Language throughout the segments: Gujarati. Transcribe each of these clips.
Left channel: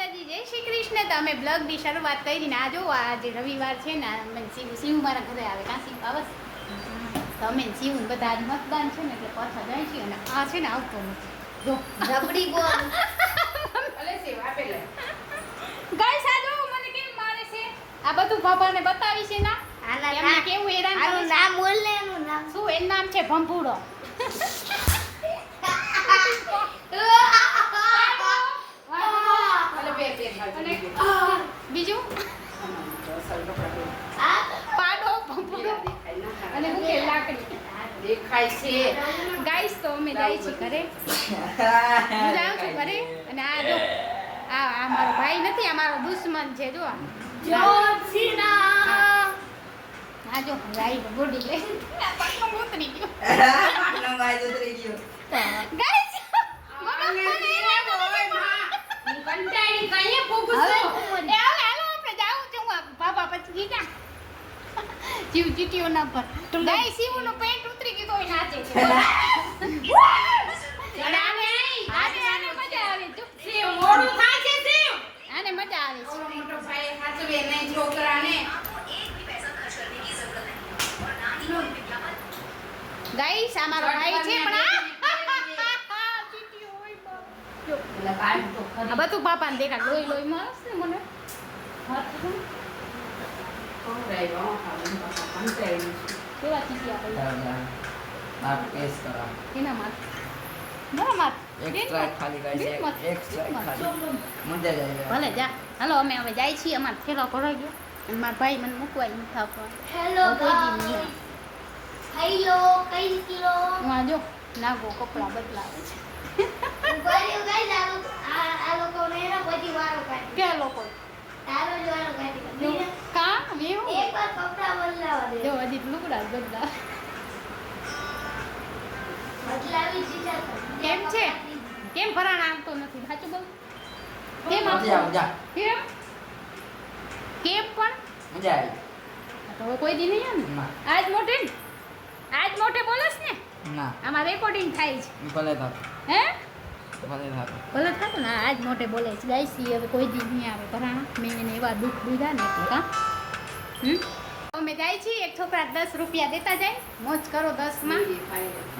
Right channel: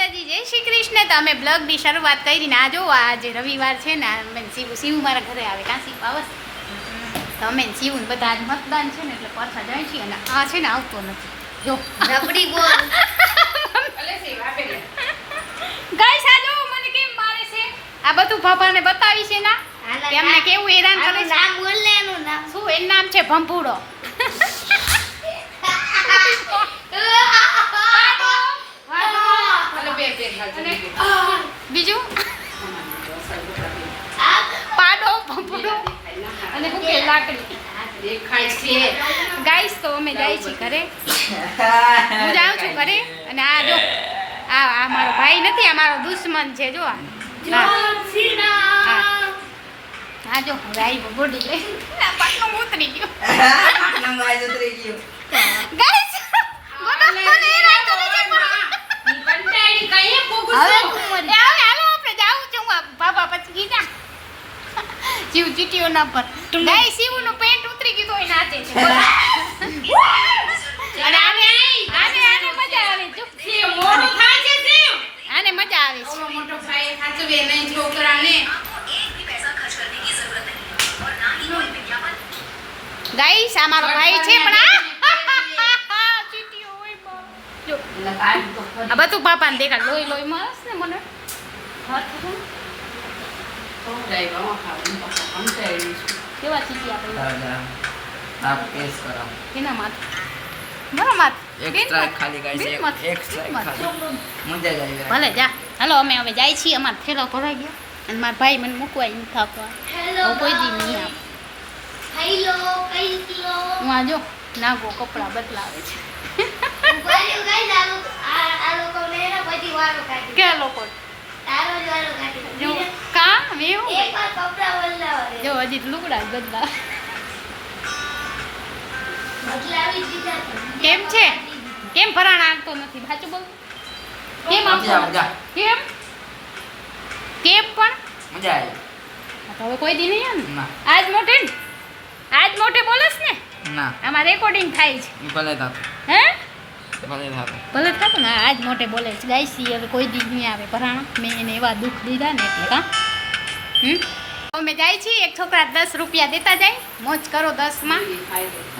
માતાજી, જય શ્રી કૃષ્ણ. તો અમે બ્લોગની શરૂઆત કરીને આ જો આજે રવિવાર છે ને, અમે શિવ મારા ઘરે આવે કાં શિવ આવસ તો અમે શિવ બધા આજ મતદાન છે ને એટલે પાછા જાય છીએ અને આ છે ને આવતો નથી. જો રબડી બોલ ગાઈસ આ જો મને કેમ મારે છે. આ બધું બાબાને બતાવી છે ના એમને કેવું હેરાન કરે છે. નામ બોલ લે એનું નામ શું? એનું નામ છે ભંભુડો. બીજું પાડો ભંભુડો અને ભૂકે લાકડી દેખાય છે. ગાઈસ તો અમે જાય છીએ ઘરે. હું જાઉં છું ઘરે અને આ જો આ મારો ભાઈ નથી, આ મારો દુશ્મન છે. જો આ જો ભાઈ બોડી લઈ પાટનો ઉતરી ગયો. ગાઈસ જીવ ચીટીઓ ના પર ગાય શિવ નું પેન્ટ ઉતરી ગયું તો નાચે છે. અને આને મજા આવે છે. મોટું થાય છે શિવ, આને મજા આવે છે. મોટો ભાઈ સાચવે નહીં છોકરાને. ગાઈસ આ મારો ભાઈ છે પણ આ ચીટીઓ હોય જો આ બધું પાપાને દેખાડ. લોહી લોહી મસ્ત ને મને હાથ કેવા ચીટી આપણે આપ કેસ કરાવ કેના માથ મારા માથ એક સ્ટ્રાઇક ખાલી ગાઈસ એક સ્ટ્રાઇક ખાલી મજા જ આવી. ભલે જા. હાલો અમે હવે જાય છીએ. અમાર થેલો ભરાઈ ગયો અને મારા ભાઈ મને મૂકવા ઈ થાકવા. હેલો કોઈ દી નહીં આવે. હેલો કઈ કિલો હું આ જો નાગો કપડા બદલાવે છે. ઉભાર્યો ગાઈસ આ લોકો ને બધી વારો કાઢી કે લોકો તારો જ વારો કાઢી જો કા મેં એક વાર કપડા બદલાવા દે. જો હજી લુગડા જ બદલાવે. બદલાવી દીધા કેમ છે? કેમ ભરાણ આવતો નથી? સાચું બોલ. કેમ આવતો કેમ કેમ પણ મજા આવી. તો હવે કોઈ દી નહીં આવે ના આજ મોટે ને આજ મોટે બોલસ ને ના આમાં રેકોર્ડિંગ થાય છે. ભલે થાતો હે ભલે થાતો ભલે થતું ને આજ મોટે બોલે છે. ગાઈસ હવે કોઈ દી નહીં આવે ભરાણા. મેં એને એવા દુઃખ દીધા ને એટલે કા અમે જાય છીએ. એક છોકરા 10 રૂપિયા દેતા જાય. મોજ કરો 10 માં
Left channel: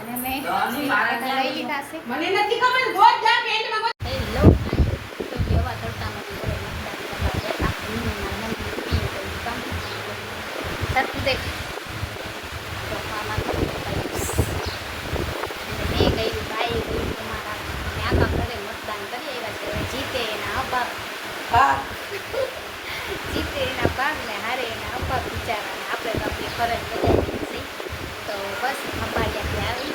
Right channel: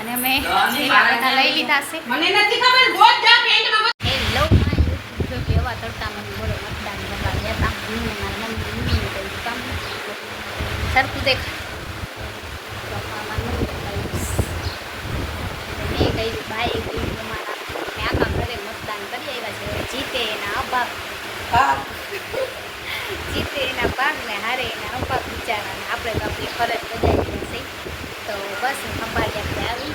અને અમે બધા લઈ લીધા છે. મને નથી ખબર રોજ જા પેન્ટમાં. હેલો તો કેવા તડકામાં બોલે મતદાન કરવા જતા મારા મમ્મી ઉભી કોઈ કામ સરખું દેખ મેં ગઈ ભાઈ ગઈ તમારા આખા ઘરે મતદાન કરી આવ્યા છે. હવે જીતે એના અભાગ જીતે એના ભાગ ને હારે એના અભાગ બિચારાને આપણે તો આપણી ફરજ બજાવી છે. તો બસ ખંભાળિયાથી આવી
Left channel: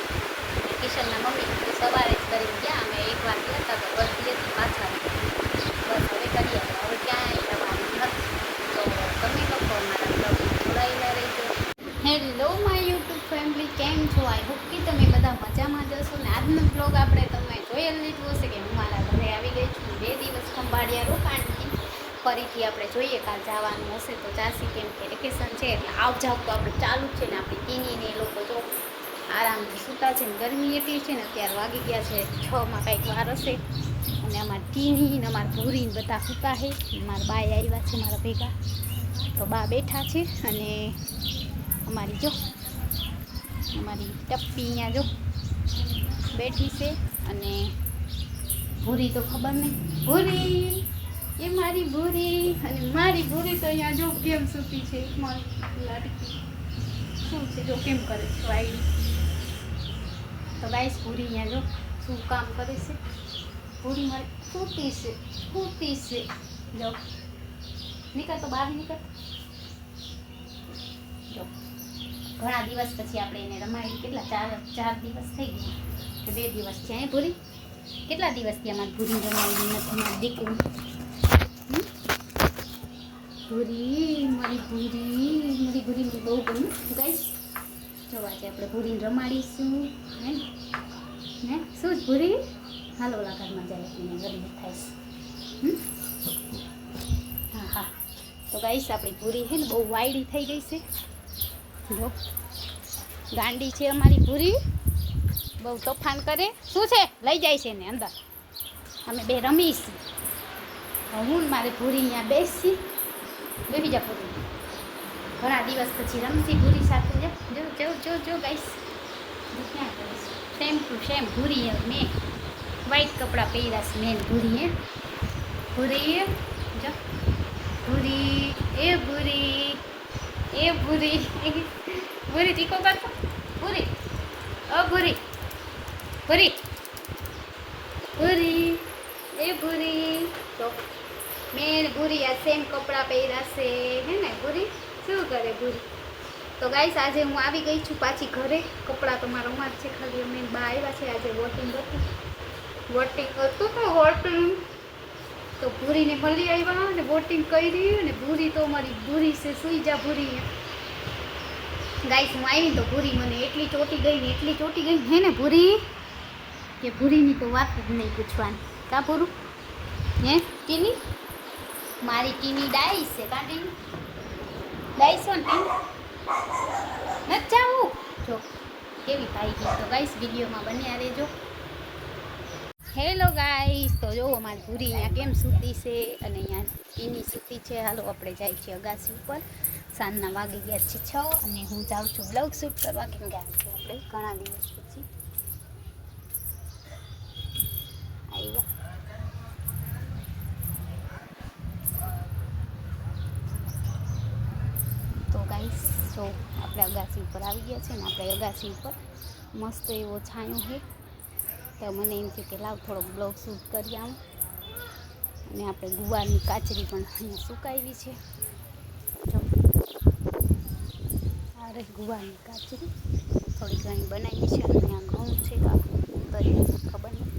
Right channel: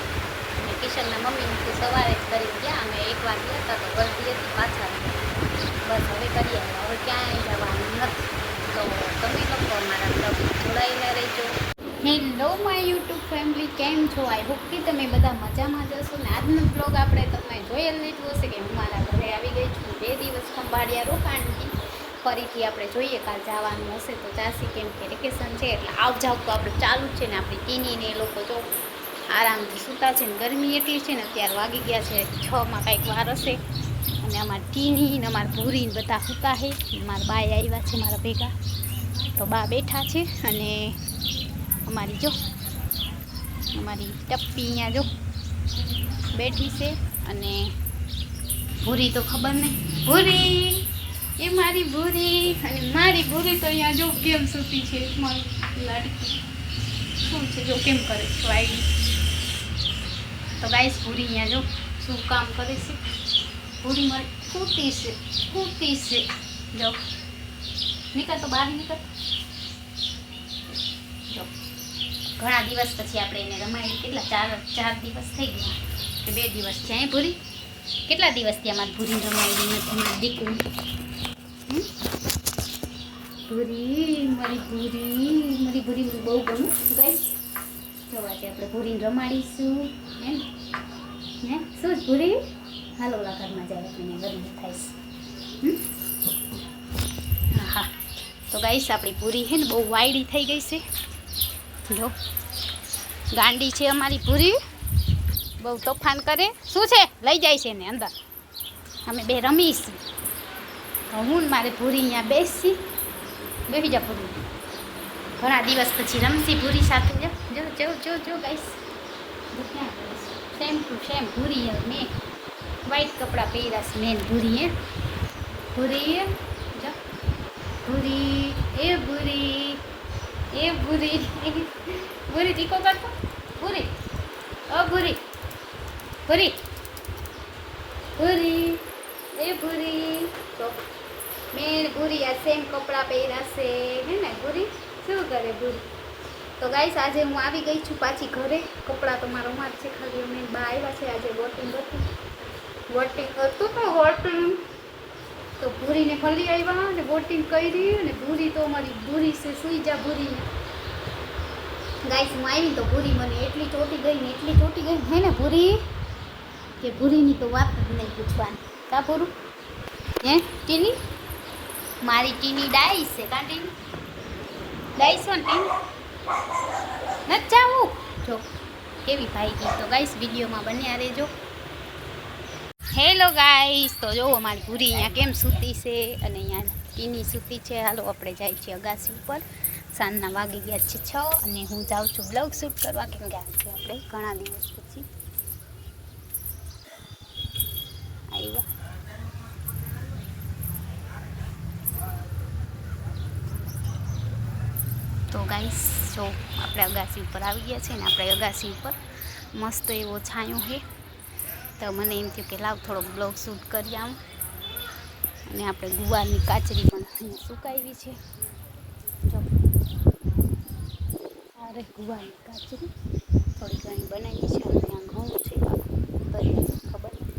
અને કિશનના મમ્મી સવારે જ કરીને ગયા. અમે એકવાર ગયા હતા તો ગલતી હતી પાછા બસ હવે કરીએ. હવે ક્યાંય જવાનું નથી. તો તમે લોકો અમારા બ્લોગમાં જોડાયેલા રહેજો. હેલો માય યુટ્યુબ ફેમિલી, કેમ છો? આઈ હોપ કે તમે બધા મજામાં જશો ને આજનો બ્લોગ આપણે તમે જોયેલ લીધું હશે કે હું મારા ઘરે આવી ગઈ છું. 2 દિવસ ખંભાળિયા રોકાણથી ફરીથી આપણે જોઈએ કાલ જવાનું હશે તો ચાસી, કેમ કે વેકેશન છે એટલે આવ જાવ તો આપણે ચાલુ જ છે ને. આપણી ટીનીને એ લોકો જો આરામથી સૂતા છે ને ગરમી એટલી છે ને અત્યારે વાગી ગયા છે 6માં કાંઈક વાર હશે. અને અમારી ટીની ને અમારા ભૂરીને બધા સૂતા છે. મારા બાય આવ્યા છે મારા ભેગા તો બા બેઠા છે અને અમારી જો અમારી ટપ્પી અહીંયા જો બેઠી છે અને ભૂરી તો ખબર નહીં. ભૂરી એ મારી ભૂરી અને મારી ભૂરી તો અહીંયા જો કેમ સૂતી છે. મારી લાડકી શું છે જો કેમ કરે છે વાઈ. તો ગાઈસ ભૂરી અહીંયા જો શું કામ કરે છે. ભૂરી મારી સૂતી છે જો નીકળ તો બહાર નીકળ. જો ઘણા દિવસ પછી આપણે એને રમાડી. કેટલા 4 દિવસ થઈ ગયા કે 2 દિવસ થયા. ભૂરી કેટલા દિવસ થયા મારી ભૂરી રમાડી નથી. મારી દીકું ભૂરી મારી ભૂરી મને બહુ ગમે. ગાઈસ જો આજે આપણે ભૂરીને રમાડીશું હે શું જ ભૂરી હાલો ઓલા ઘરમાં જાય આપણે ગરમી થાય છે. હા તો ગાઈસ આપણી ભૂરી છે ને બહુ વાયડી થઈ ગઈ છે. જો ગાંડી છે અમારી ભૂરી, બહુ તોફાન કરે. શું છે લઈ જાય છે ને અંદર. અમે બે રમીશું હું ને મારે ભૂરી અહીંયા બેસી જા ભૂરી, ઘણા દિવસ પછી રમતી ભૂરી સાથે. જો જો જો જો ગાઈસ, સેમ ટુ સેમ ભૂરી. મેં વ્હાઈટ કપડાં પહેર્યા છે મેન ભૂરીએ. ભૂરી જો ભૂરી, એ ભૂરી, એ ભૂરી, ભૂરી તીખો કરતો. ભૂરી, ઓ ભૂરી, ભૂરી, ભૂરી, એ ભૂરી. તો મેં ભૂરી આ સેમ કપડાં પહેર્યા છે હે ને. ભૂરી શું કરે ભૂરી? તો ગાઈસ આજે હું આવી ગઈ છું પાછી ઘરે. કપડાં તો મારા માં છે, ખાલી મેં બહાર આવ્યા છે. આજે વોટિંગ હતું તો વોટિંગ તો ભૂરીને મળી આવ્યા ને વોટિંગ કરી. અને ભૂરી તો મારી ભૂરી છે, સુઈ જા ભૂરી. ગાઈસ હું આવી તો ભૂરી મને એટલી ચોટી ગઈ ને એટલી ચોટી ગઈ હે ને ભૂરી, કે ભૂરીની તો વાત જ નહીં પૂછવાની. કા ભૂરું હે ટીની? મારી ટીની ડાઈસ છે. કા ટીની ડાઈસ ને ટીની નથી જાવું. જો કેવી ભાઈ ગઈ. તો ગાઈસ વિડીયોમાં બન્યા રહેજો. હેલો ગાઈસ, તો જોવો મારી ભૂરી અહીંયા કેમ સૂતી છે અને અહીંયા ટીની સૂતી છે. હાલો આપણે જાય છીએ અગાસી ઉપર. સાંજના વાગી ગયા છે 6 અને હું જાઉં છું બ્લોગ શૂટ કરવા, કેમ કે આજે આપણે ઘણા દિવસ પછી આવ્યા. તો ગાઈસ જો આપણે અગાસી ઉપર આવી ગયા છે ને આપણે અગાસી ઉપર મસ્ત એવો છાંયો છે. તો મને એમ થયું કે લાવ થોડોક બ્લોગ શૂટ કરી આવું. અને આપણે ગુવારની કાચરી પણ અહીંયા સુકાવી છે. જો આ રે ગુવારની કાચરી થોડી ઘણી બનાવી છે. અને આ ઘઉં છે, તરિયા છે ખબર નહીં.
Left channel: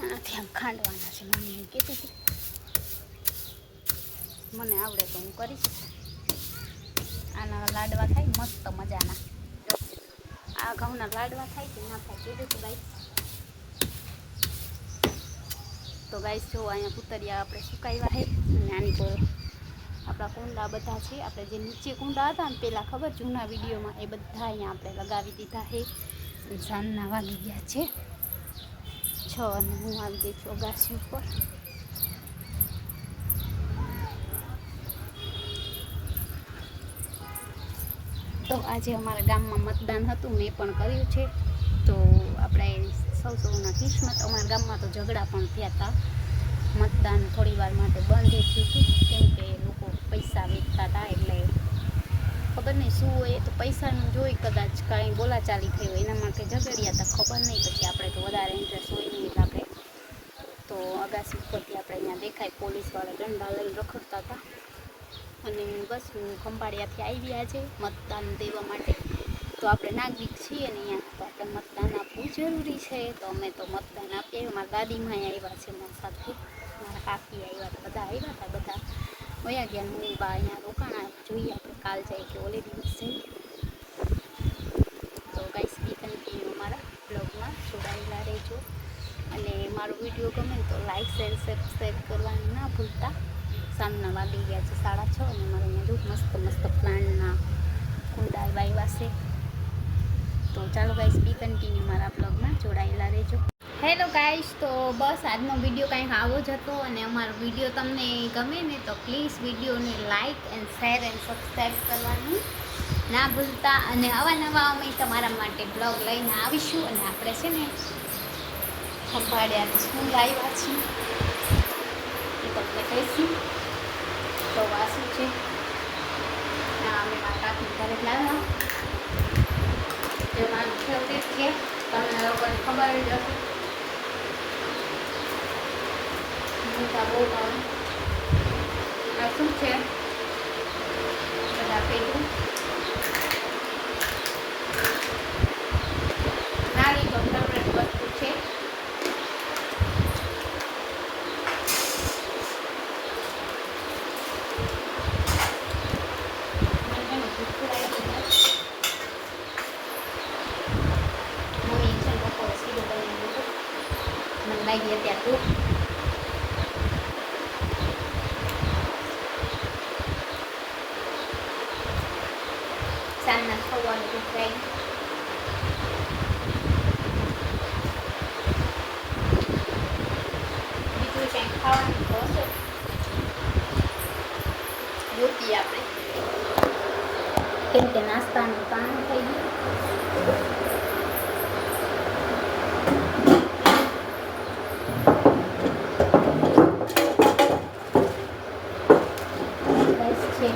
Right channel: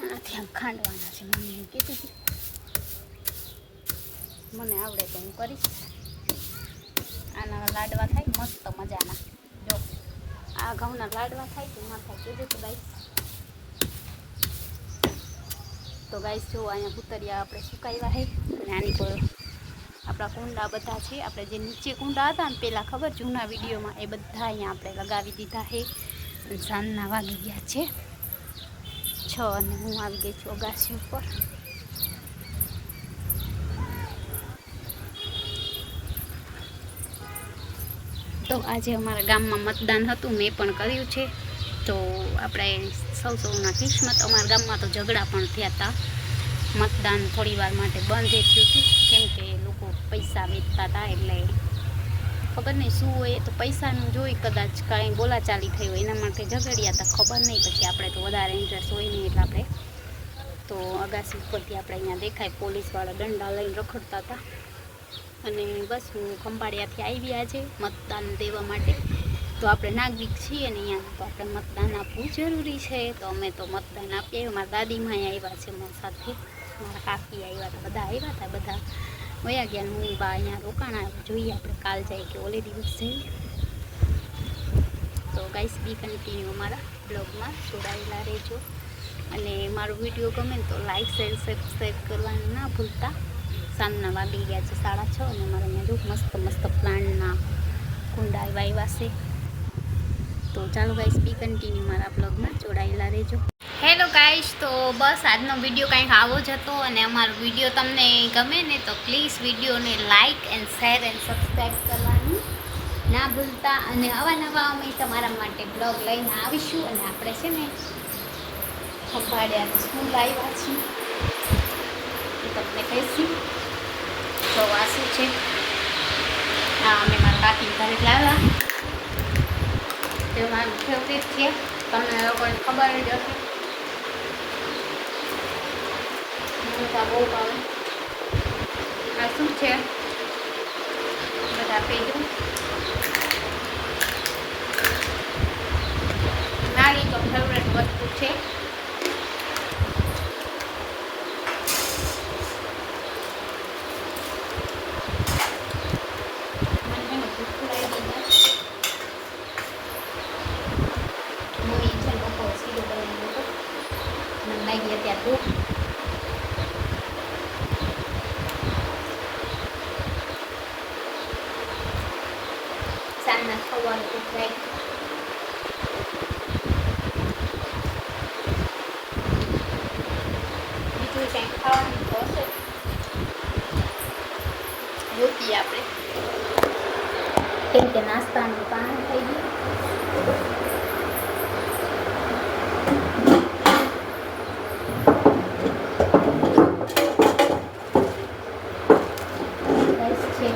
આનાથી આમ ખાંડવાના છે. મમ્મી એમ કહેતી હતી. મને આવડે તો હું કરીશ. આના લાડવા થાય મસ્ત મજાના. જો આ ઘઉંના લાડવા થાય કે ના થાય જોજો. તો ગાઈસ જો અહીંયા પુતરિયા આપણે સુકાવ્યા છે. અને આની પર આપણા કુંડા બધા છે. આપણે જે નીચે કુંડા હતા ને પહેલાં ખબર જૂના વિડીયોમાં, એ બધા અહીંયા આપણે લગાવી દીધા છે. અને સાંજના વાગી ગયા છે 6 અને હું આવી ગઈ છું અગાસી ઉપર. તો આજે અમારા ગામમાં મતદાન હતું, મેં પણ કર્યું છે. તો આપણે સૌના કિસ્મત. અમારા ગામમાં તો ઝઘડા પણ થયા હતા. મતદાન થોડી વાર માટે બંધ થયું હતું, કેમ કે લોકો પૈસા વેચતા હતા. એટલે ખબર નહીં શું હોય, તો પૈસાનું જોઈ કદાચ કાંઈ બોલાચાલી થઈ હોય એના માટે ઝઘડ્યા હતા. ખબર નહીં. પછી આપણે તો વધારે ઇન્ટરેસ્ટ હોય નહીં એટલે આપણે તો અગાસી ઉપરથી આપણે અહીંયા દેખાય પોલીસવાળા દંડા લઈને રખડતા હતા. અને બસ હું ખંભાળિયાથી આવી આજે મતદાન દેવા માટે. તો આપણે નાગરિક છીએ ને અહીંયા, તો આપણે મતદાન આપવું જરૂરી છે. તો અમે તો મતદાન આપીએ. મારા દાદીમાં આવ્યા છે મારા સાથે, મારા કાકી આવ્યા હતા, બધા આવ્યા હતા. બધા વયા ગયા. હું બા અહીંયા રોકાણા. જોઈએ આપણે કાલ જાય કે ઓલે દિવસ જઈએ. તો ગાઈસ બી કન્ટિન્યુ મારા બ્લોગમાં જોડાયેલા રહેજો. અને મારો વિડીયો ગમે તો લાઈક શેર સબસ્ક્રાઈબ કરવાનું ના ભૂલતા. સાંજના વાગી ગયા છે 6:30 અને મારે અહીંયા મસ્ત મસ્ત પ્લાન્ટના કુંડા આવ્યા છે. તો ચાલો ગાઈસ બી કન્ટિન્યુ મારા બ્લોગમાં જોડાયેલા રહેજો. હેલો ગાઈસ, તો બસ આજનો વિડીયો કંઈક આવો જ હતો. અને અમારો વિડીયો તમને ગમે ને તો પ્લીઝ વિડીયોને like and share and subscribe કરવાનું ના ભૂલતા. અને આવા નવા અમે તમારા માટે બ્લોગ લઈને આવીશું. અને આપણે છે ને ખંભાળિયા સ્કૂલ આવ્યા છીએ, તમને કહીશું. તો આ શું છે, હા અમે મારા કાકી ઘરે લાવ્યા. એ મારું ફેવરેટ છે, તમને લોકોને ખબર જ હતી. બહુ ભાવે. આ શું છે બધા પેલું મારી તો ફેવરેટ વસ્તુ છે. mình đang về chặt thuốc xanh là không qua được cuộc quen. રાત્રે કંઈક ખાવાનું તો હશે રોટી આપણે કેમ કે નાસ્તાનું પાણી થઈ ગયું રાઈસ છે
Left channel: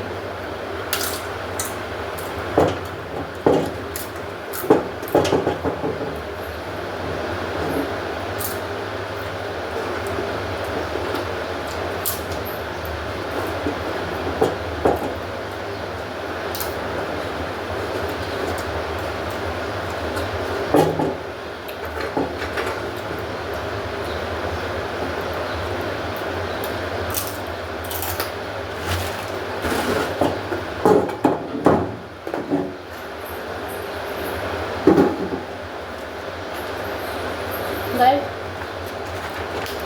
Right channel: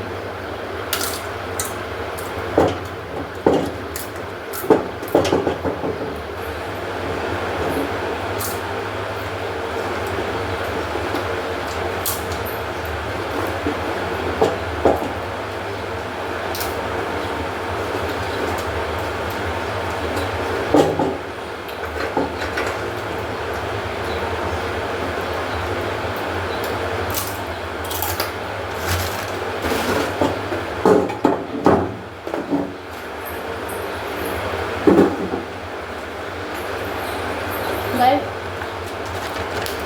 ગાઈસ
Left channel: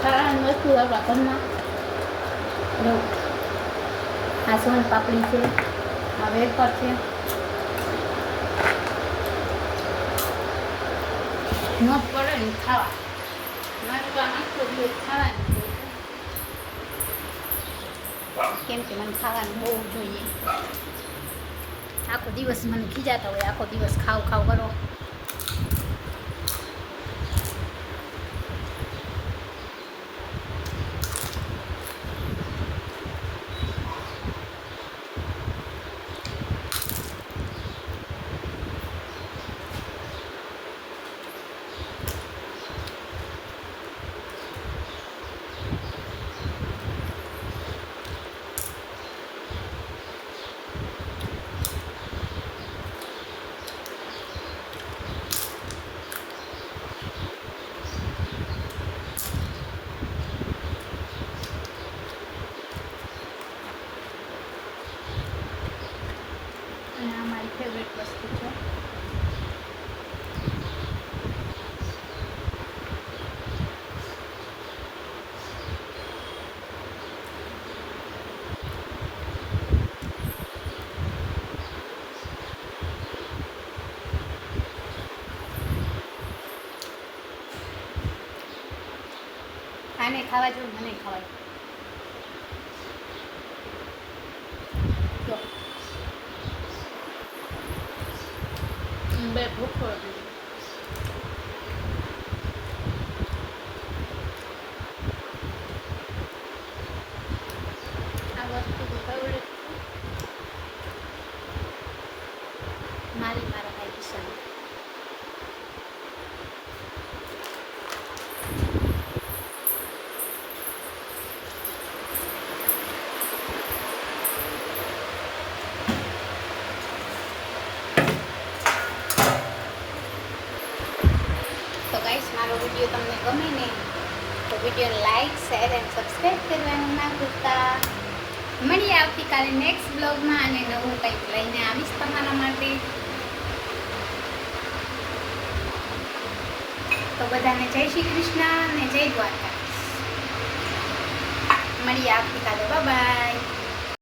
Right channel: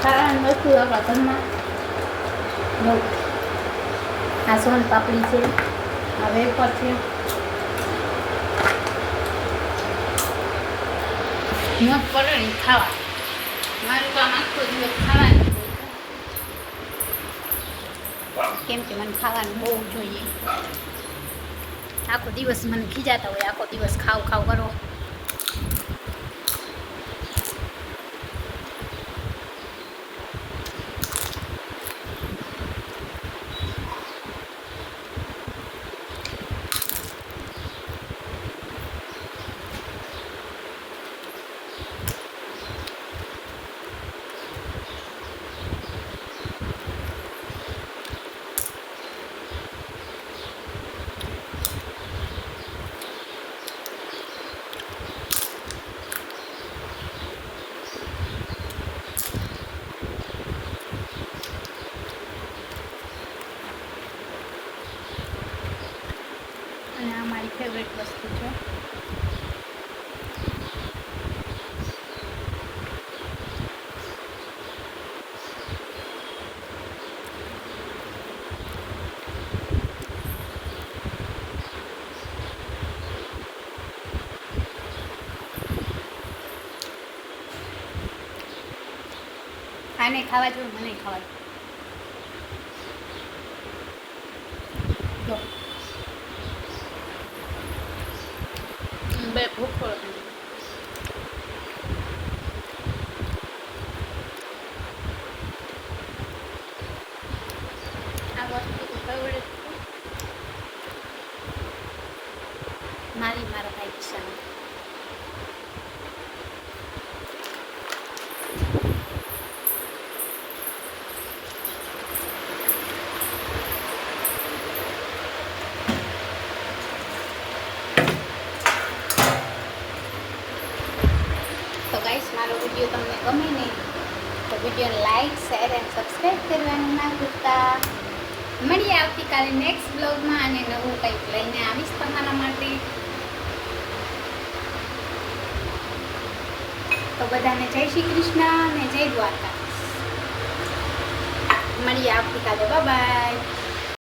ખાવાની વસ્તુ આપણા ઘરમાં જો આ સોન પાપડી છે આ વેફર છે ન પડે ને ખાવા મારું કામ આખો દિવસ ખાવાનું કેમ કે મને ખાવાનું બહુ જોઈએ આખો દિવસ મને ખીજાતા હોય આખો દિવસ ખાવ ખાવ કરો અને આ મારી ફેવરેટ વસ્તુ છે આને ખાવા જેવું મને ખાવા જેવું બે ભૂખ આ વસ્તુ ફેવરેટ મારી મારા ભાઈ કિશન તો ગાઈસ મારો વિડીયો તમને ગમે ને તો વિડીયોને લાઈક શેર એન્ડ સબસ્ક્રાઈબ કરવાનું ના ભૂલતા મળીએ આવતીકાલે નેક્સ્ટ બ્લોગમાં અને નવું કંઈક લઈને આવીશ તમારા માટે તો બધાને જય શ્રી કૃષ્ણ અને જય દ્વારકા મળીએ આવતીકાલે બાય બાય